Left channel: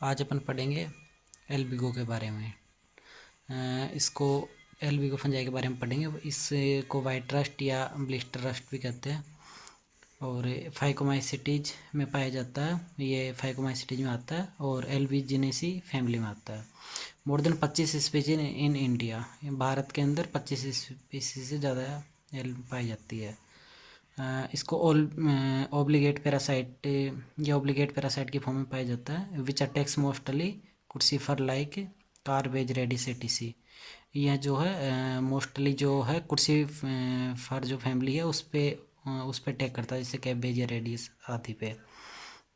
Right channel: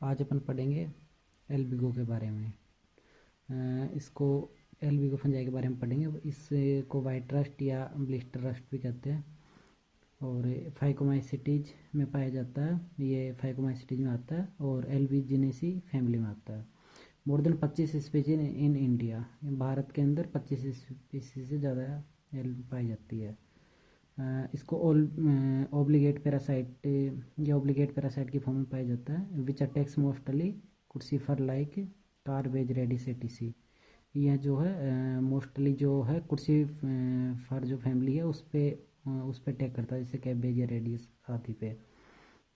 आज अपन पढ़ेंगे एल्बिगो के बारे में। इसको एल्बिगो फंजाई के बारे में पढ़ेंगे। इसको वाइट रस्ट या ब्लिस्टर रस्ट भी कहते हैं और फाइकोमाइसिटीज में पाया जाता है। ये फाइकोमाइसिटीज में आता है और एल्बिजिनेसी फैमिली में आता है। More than 25 species in India. Bharat के अंदर 25 स्पीशीज से ज़्यादा पाई जाती है। इसको ओब्लिगेट पैरासाइट या ओब्लिगेट पैरासाइट की फॉर्म में पाया जाता है। Which attacks mostly crucifer like cabbage radish etc. यह जो है मोस्टली जो है कुर्सीफर जो फैमिली है उस पे अटैक करता है, जैसे कैबेज या रेडिस आदि पे।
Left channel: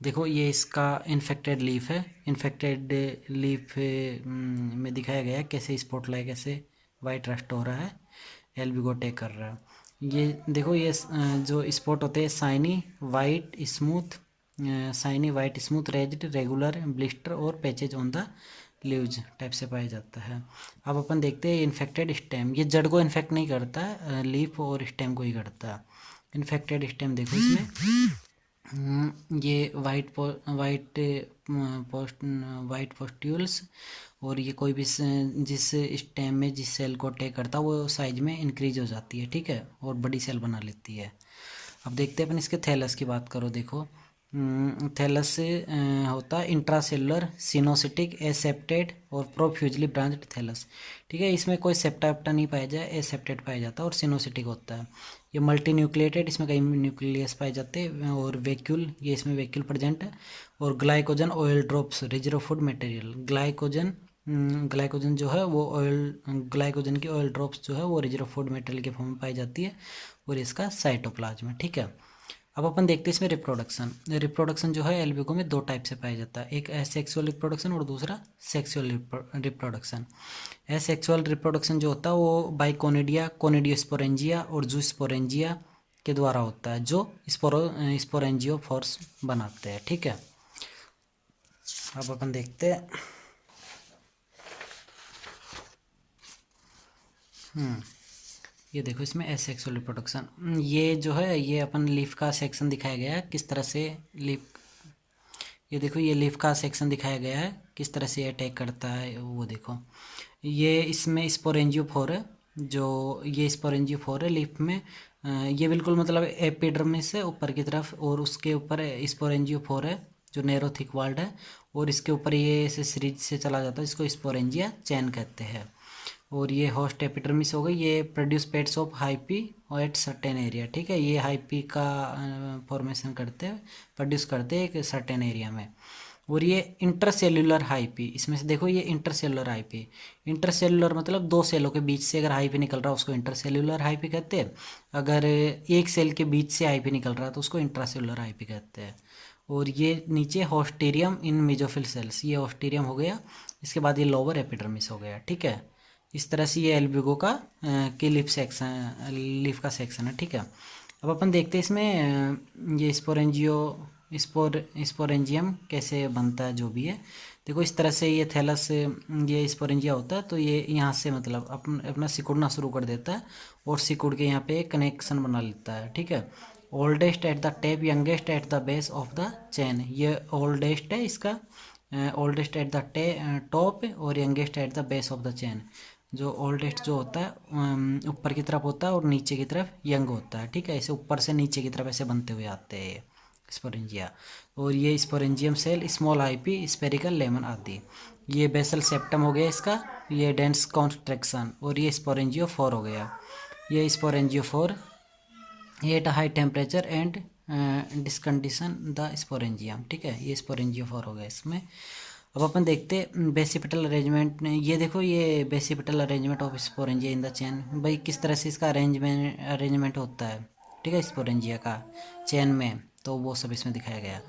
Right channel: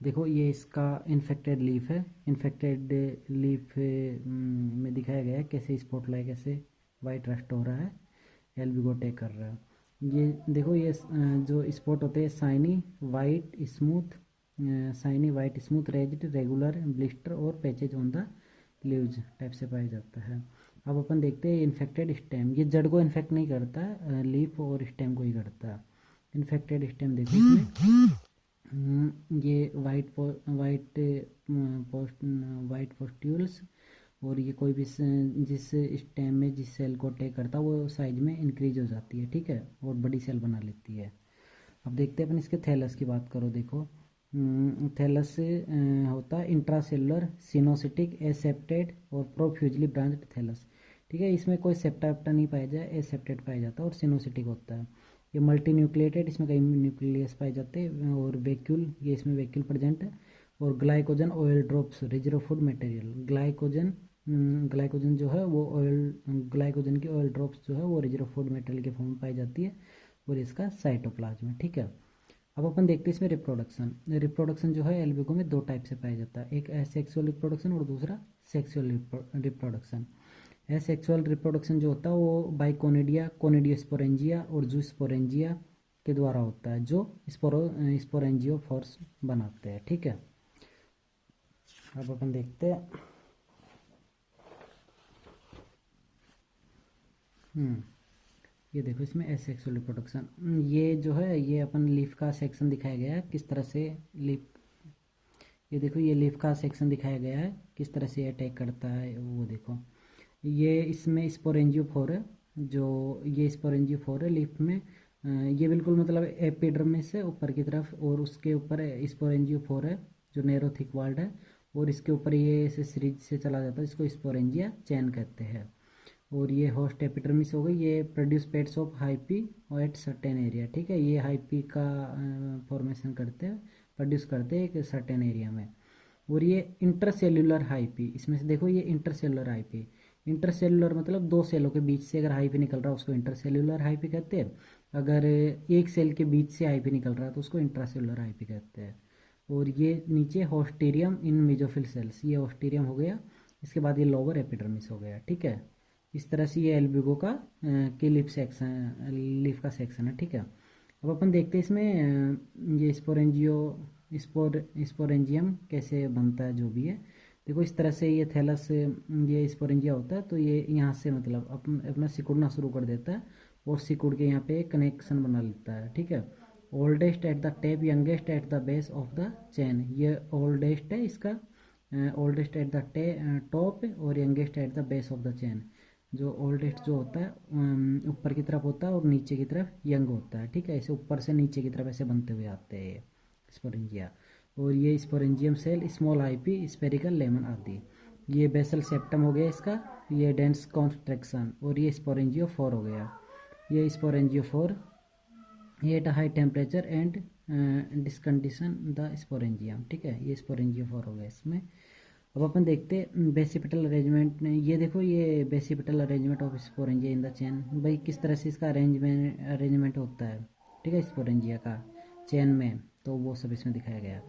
देखो ये इसका इन्फेक्टेड लीफ है। इन्फेक्टेड लीफ में दिखाया गया है कैसे स्पॉट लाइक ऐसे वाइट रस्ट हो रहा है, एल्बिगो अटैक कर रहा है। ये देखो ये जो स्पॉट होते हैं shiny white smooth raised regular blister और patches on the leaves type से पाया जाता है। अब अपन देखते हैं इन्फेक्टेड स्टेम। ये जड़ को इन्फेक्ट नहीं करता है, लीफ और स्टेम को ही करता है। इन्फेक्टेड स्टेम देखो इसमें ये वाइट पोस्ट्यूल्स और ये कोई भी जिस स्टेम में जिस सेल को अटैक करता है वो साइज में इंक्रीज हो जाती है, ठीक है, और बड़ी सेल बना लेती है। अब देखते हैं अपन इसके थैलस की बात करो। देखो थैलस से होता है इंट्रासेलुलर सिनोसिटिक एसेप्टेड और प्रोफ्यूजली ब्रांच्ड थैलस, ठीक है। इसमें कोई सेप्टा वेप्टा नहीं पाया जाए, एसेप्टेड पाया जाता है और सिनोसिटिक होता है। ये मल्टी न्यूक्लिएटेड, इसमें कई न्यूक्लियस पाए जाते हैं और वैक्यूल, ये इसमें वैक्यूल प्रेजेंट है। और glycogen oil drops reserve food material. Glycogen जो है वो ग्लाइकोजन की ऑयल ड्रॉप्स जो है वो रिजर्व फूड मटेरियल के फॉर्म में पाई जाती है और इसका साइटोप्लाज्म है, ठीक है। अब अपन देखते हैं इसमें रिप्रोडक्शन जो है एल्बिगो में दो टाइप से पाया जाता है। एक एसेक्सुअल रिप्रोडक्शन और दूसरा सेक्सुअल रिप्रोडक्शन। एसेक्सुअल रिप्रोडक्शन जो होता है वो बाइकोनिडिया, कोनिडियोस्पोरेंजिया और जूस्पोरेंजिया के द्वारा होता है, जो स्पोरेंजियोफोर्स बनाते हैं, ठीक है। अब अपन देखते हैं ये देखो इसमें एसेक्सुअल रिप्रोडक्शन। ये जो है ये अपन लीफ का सेक्शन दिखाया गया है किस तरह से लीफ, ये देखो ये लीफ का सेक्शन दिखाया गया है किस तरह से अटैक करता है। वो देखो ये इसमें स्पोरेंजियोफोर है, जो ये स्पोरेंजियोफोर है लीफ में। ये बिल्कुल मतलब एपिडर्मिस से ऊपर की तरफ और उसके ऊपर स्पोरेंजियोफोर है जो नैरो थिक वाल्ड है और इसके ऊपर ये ऐसे सीरीज से चला जाता है, इसको स्पोरेंजिया चैन कहते हैं। और ये होस्ट एपिडर्मिस हो गई, ये produce pets of hyphae at certain area, ठीक है। ये हाइपी का फॉर्मेशन करते हैं, प्रोड्यूस करते हैं एक सर्टेन एरिया में। और ये इंटरसेल्यूलर हाइपी, इसमें से देखो ये इंटरसेल्यूलर हाइपी। इंटरसेल्यूलर मतलब दो सेलों के बीच से अगर हाइपी निकल रहा है उसको इंटरसेल्यूलर हाइपी कहते हैं। अगर एक सेल के बीच से हाइपी निकल रहा है तो उसको इंट्रासेल्यूलर हाइपी कहते हैं। और ये नीचे होस्टेरियम इन मेजोफिल सेल्स, ये होस्टेरियम हो गया। इसके बाद ये लोअर एपिडर्मिस हो गया, ठीक है। इस तरह से ये एल्बिगो का की लीफ का सेक्शन है, ठीक है। अब अपन देखते हैं इसमें ये स्पोरेंजियम कैसे बनता है, जो भी है। देखो इस तरह से ये थैलस ये स्पोरेंजिया होता है, तो ये यहाँ से मतलब अपना सिकुड़ना शुरू कर देता है और सिकुड़ के यहाँ पे एक कनेक्शन बना लेता है, ठीक है। Oldest at the tape, youngest at the base of the chain. ये ओल्डेस्ट है इसका, ओल्डेस्ट एट द टॉप और youngest at the base of the chain. जो ओल्डेस्ट जो होता है ऊपर की तरफ होता है और नीचे की तरफ यंग होता है, ठीक है। ऐसे ऊपर से नीचे की तरफ ऐसे बनते हुए आते हैं स्पोरेंजिया। और ये sporangium cell small IP spherical lemon आदि। ये बेसल सेप्टम हो गया इसका, ये डेंस कॉन्ट्रैक्शन। और ये स्पोरेंजियोफोर हो गया, ये स्पोरेंजियोफोर ये at high temperature and discondition the sporangium, ठीक है। ये स्पोरेंजियोफोर हो गया इसमें। अब अपन देखते हैं बेसिपिटल अरेंजमेंट। ये देखो ये basipetal arrangement of sporangia in the chain, भाई किस तरह से इसका अरेंजमेंट होता है, ठीक है, स्पोरेंजिया का चेन में, तो वो सब इसमें दिखाया गया।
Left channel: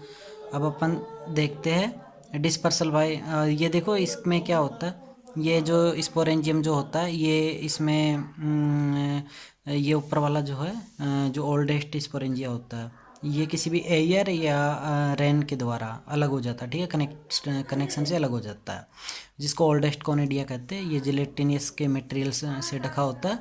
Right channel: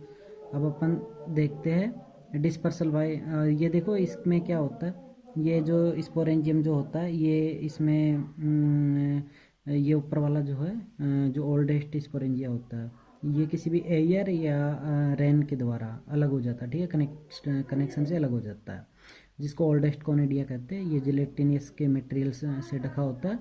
अब अपन देखते हैं डिस्पर्सल भाई। ये देखो इसमें क्या होता है, ये जो स्पोरेंजियम जो होता है ये इसमें ये ऊपर वाला जो है जो ओल्डेस्ट स्पोरेंजिया होता है ये किसी भी एयर या रेन के द्वारा अलग हो जाता है, ठीक है, कनेक्शन से अलग हो जाता है, जिसको ओल्डेस्ट कोनिडिया कहते हैं। ये जिलेटिनियस के मटेरियल से ढका होता है।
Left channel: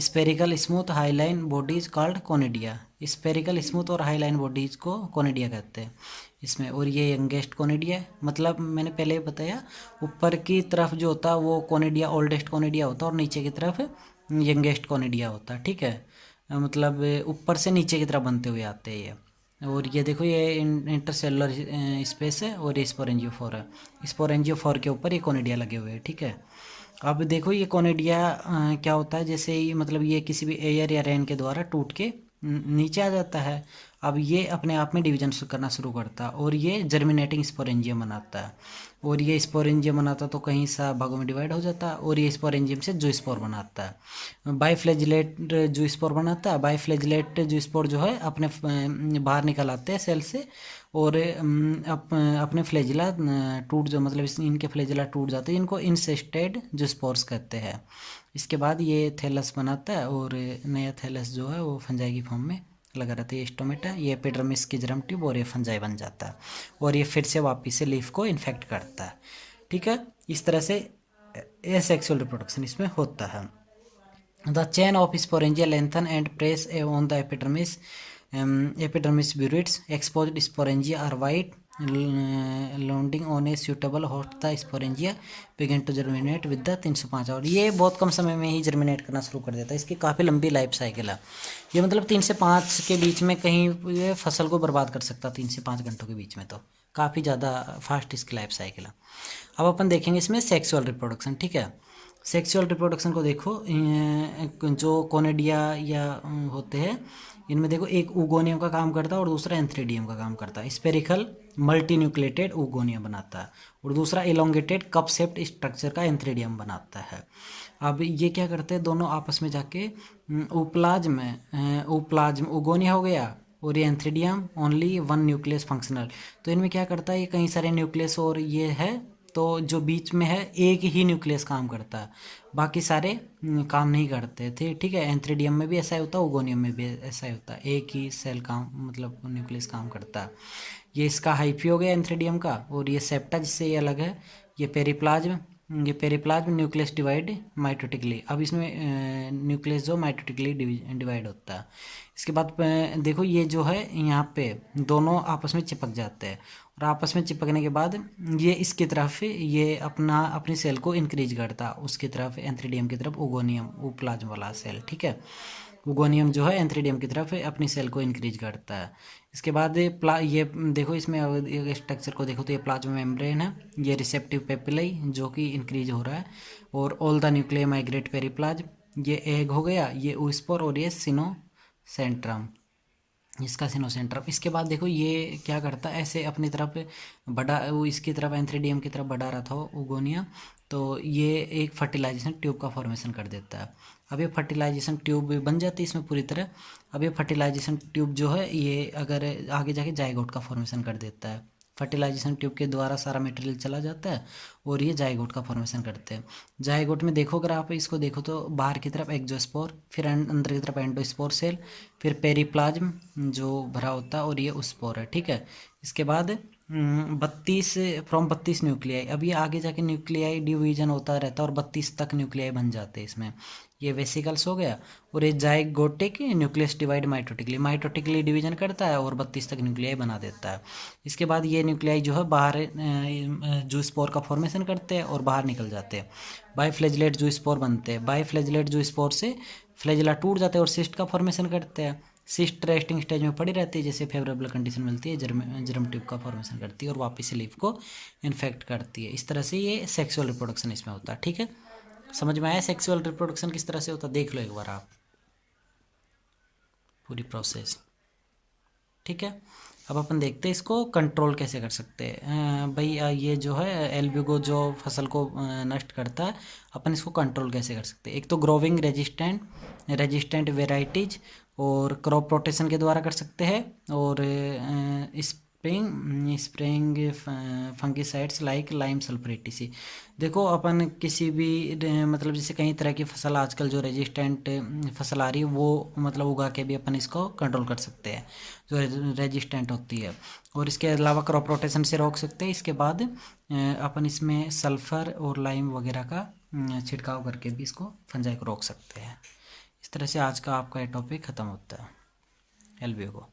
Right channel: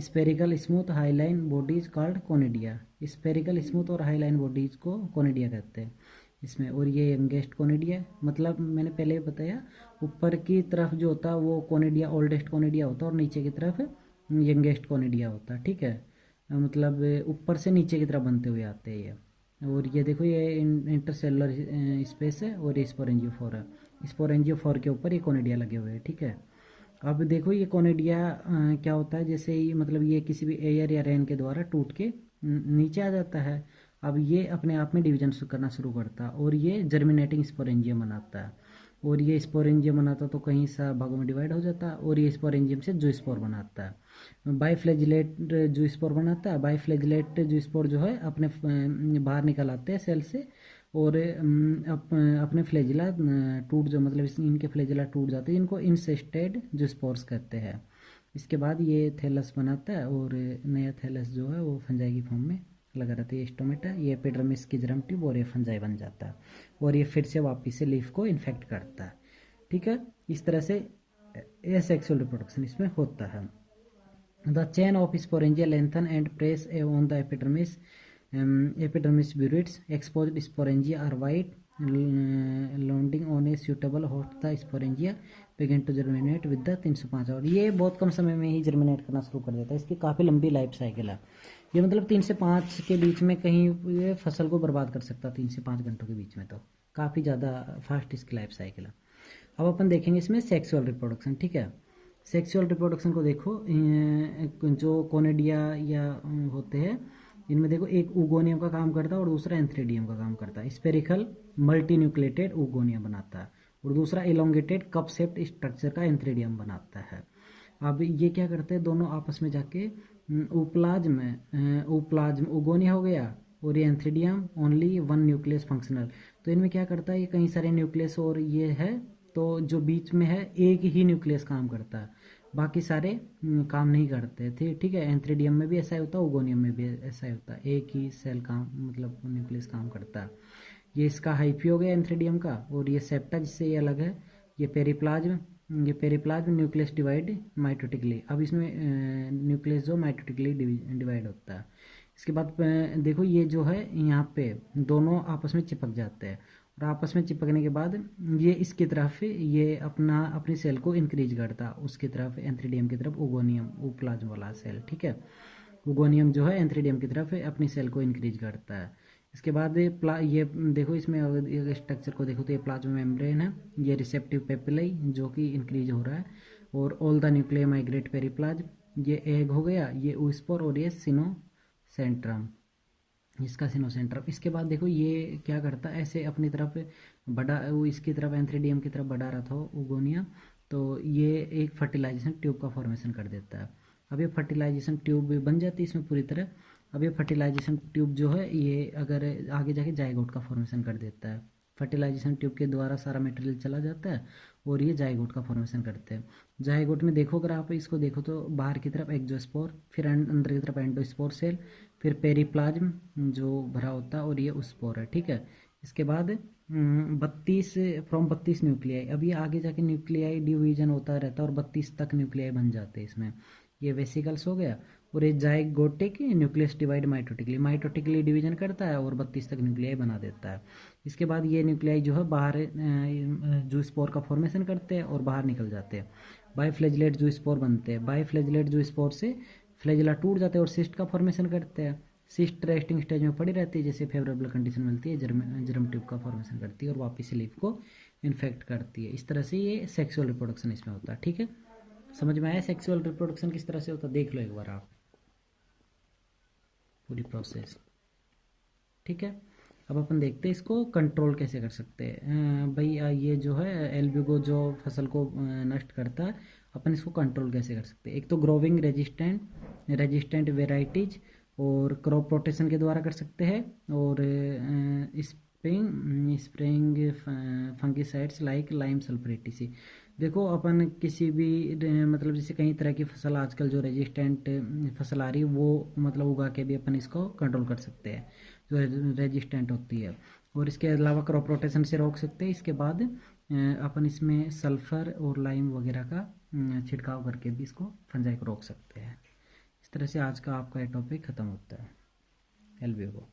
Spherical smooth highline body is called conidia, spherical smooth और हाई लाइन बॉडीज को कोनिडिया कहते हैं इसमें। और ये यंगेस्ट कोनिडिया है, मतलब मैंने पहले बताया ऊपर की तरफ जो होता है वो कोनिडिया ओल्डेस्ट कोनिडिया होता है और नीचे की तरफ यंगेस्ट कोनिडिया होता है, ठीक है। मतलब ऊपर से नीचे की तरफ बनते हुए आते हैं ये। और ये देखो ये इंटरसेलुलर स्पेस है और ये स्पोरेंजियोफोर है, स्पोरेंजियोफोर के ऊपर ये कोनिडिया लगे हुए हैं, ठीक है। अब देखो ये कोनिडिया क्या होता है, जैसे ही मतलब ये किसी भी एयर या रेन के द्वारा टूट के नीचे आ जाता है। अब ये अपने आप में डिवीजन करना शुरू करता है और ये जर्मिनेटिंग स्पोरेंजियम बनाता है। और ये स्पोरेंजियम बनाता तो कहीं सा भागों में डिवाइड हो जाता है और ये स्पोरेंजियम से जूस्पोर बनाता है। बाइफ्लैजिलेट जूस्पोर बनाता है। बाइफ्लैजिलेट जूस्पोर जो है अपने बाहर निकल आते हैं सेल से और अपने फ्लैजिला टूट जो मतलब इनके फ्लैजिला टूट जाते हैं, इनको इंसेस्टेड जूस्पोर्स कहते हैं। इसके बाद ये थैलस बनाता है और नया थैलस जो है वो फंजाई की फॉर्म में लगा रहता है। ये स्टोमेटा, ये एपिडर्मिस की जर्म ट्यूब और ये फंजाई बन जाता है और ये फिर से वापस से लीफ को इन्फेक्ट करता है, ठीक है। इस तरह से एसेक्सुअल रिप्रोडक्शन इसमें होता है। The chain of sporangia lengthen and press on the epidermis, epidermis bursts exposed sporangia are white landing on a suitable host the sporangia begin to germinate with the 305 hour. ये बहुत कम समय में ही germinate करना शुरू कर देता है, इसकी काफ़ी लंबी लाइफ साइकिल है ये, मतलब 3 से 5 के बीच में कहीं ये फसल को बर्बाद कर सकता है, 3 से 5 घंटों के बीच में, तो काफ़ी ज़्यादा फास्ट इसकी लाइफ साइकिल है। अब अपन देखेंगे इसमें सेक्सुअल रिप्रोडक्शन, ठीक है। सेक्सुअल रिप्रोडक्शन को देखो, जो कोनिडिया या होते हैं इनमें देखो एक उगोनियम का काम करता है और दूसरा एंथ्रेडियम का काम करता है। स्पेरिकल मल्टी न्यूक्लिएटेड उगोनियम बनाता है और दूसरा एलोंगेटेड कप शेप्ड स्ट्रक्चर का एंथ्रेडियम बनाता है। अब ये क्या करते हैं दोनों आपस में जाके उप्लाज्म उगोनिया हो गया और ये एंथ्रेडियम ओनली वन न्यूक्लियस फंक्शनल। तो इनमें क्या करता है, ये कई सारे न्यूक्लियस और ये है, तो जो बीच में है एक ही न्यूक्लियस काम करता है, बाकी सारे काम नहीं करते थे, ठीक है। एंथ्रेडियम में भी ऐसा ही होता है, उगोनियम में भी ऐसा ही होता है, एक ही सेल काम मतलब न्यूक्लियस काम करता है। ये इसका हाइफी हो गया एंथ्रेडियम का। और ये सेप्टा जिससे ये अलग है, ये पेरिप्लाज्म न्यूक्लियस डिवाइड माइटोटिकली। अब इसमें न्यूक्लियस जो माइटोटिकली डिवाइड होता है। इसके बाद देखो ये जो है यहाँ पे दोनों आपस में चिपक जाते हैं और आपस में चिपकने के बाद ये इसकी तरफ ये अपनी सेल को इंक्रीज करता है, उसकी तरफ एंथ्रेडियम की तरफ उगोनियम उप्लाज्म वाला सेल, ठीक है। उगोनियम जो है एंथ्रेडियम की तरफ अपनी सेल को इंक्रीज करता है। इसके बाद ये देखो इसमें स्ट्रक्चर को देखो तो ये प्लाज्मा मेम्ब्रेन है, ये रिसेप्टिव पेपिलाई जो कि इंक्रीज हो रहा है और ऑल द न्यूक्लियर माइग्रेट पेरिप्लाज्म, ये एग हो गया, ये ओस्पोर और ये सिनोसेंट्रम, इसका सिनोसेंट्रम। इसके बाद देखो ये क्या करता है, ऐसे अपनी तरफ बढ़ा, वो इसकी तरफ एंथ्रेडियम की तरफ बढ़ा रहा था उगोनिया, तो ये एक फर्टिलाइजेशन ट्यूब का फॉर्मेशन कर देता है। अब ये फर्टिलाइजेशन ट्यूब बन जाती है इसमें पूरी तरह। अब ये फर्टिलाइजेशन ट्यूब जो है ये अगर आगे जाके जाइगोट का फॉर्मेशन कर देता है, फर्टिलाइजेशन ट्यूब के द्वारा सारा मटेरियल चला जाता है और ये जाइगोट का फॉर्मेशन करते हैं। जाइगोट में देखो अगर आप इसको देखो तो बाहर की तरफ एक्जोस्पोर, फिर अंदर की तरफ एंडोस्पोर सेल, फिर पेरिप्लाज्म जो भरा होता है और ये उस्पोर है, ठीक है। इसके बाद 32 न्यूक्लियाई। अब ये आगे जाके न्यूक्लियाई डिवीजन होता रहता है और 32 तक न्यूक्लियाई बन जाते हैं इसमें। ये वेसिकल्स हो गया और ये zygotic nucleus divide mitotically division करता है और 32 तक न्यूक्लियाई बना देता है। इसके बाद ये न्यूक्लियाई जो है बाहर जूस्पोर का फॉर्मेशन करते हैं और बाहर निकल जाते हैं, बाइफ्लैजिलेट जूस्पोर बनते हैं। बाइफ्लैजिलेट जूस्पोर से फ्लैजिला टूट जाते हैं और सिस्ट का फॉर्मेशन करते हैं। सिस्ट रेस्टिंग स्टेज में पड़ी रहती है, जैसे फेवरेबल कंडीशन मिलती है जर्म ट्यूब का फॉर्मेशन करती है और वापस से लीफ को इन्फेक्ट करती है। इस तरह से ये सेक्सुअल रिप्रोडक्शन इसमें होता है, ठीक है। समझ में आया सेक्सुअल रिप्रोडक्शन किस तरह से होता है, देख लो एक बार आप पूरी प्रोसेस, ठीक है। अब अपन देखते हैं इसको कंट्रोल कैसे कर सकते हैं। भाई ये जो है एल्ब्यूगो जो फसल को नष्ट करता है, अपन इसको कंट्रोल कैसे कर सकते हैं। एक तो ग्रोविंग रेजिस्टेंट वेराइटीज और क्रॉप रोटेशन के द्वारा कर सकते हैं, और स्प्रेइंग फंगिसाइड्स लाइक लाइम सल्फरेटिसी। देखो अपन किसी भी मतलब जैसे कई तरह की फसल आजकल जो रेजिस्टेंट फसल आ रही है वो मतलब उगा के भी अपन इसको कंट्रोल कर सकते हैं जो रेजिस्टेंट होती है, और इसके अलावा क्रॉप रोटेशन से रोक सकते हैं। इसके बाद अपन इसमें सल्फ़र और लाइम वगैरह का छिड़काव करके भी इसको फंजाई को रोक सकते हैं। इस तरह से आज का आपका ये टॉपिक ख़त्म होता है। एलवीओ को।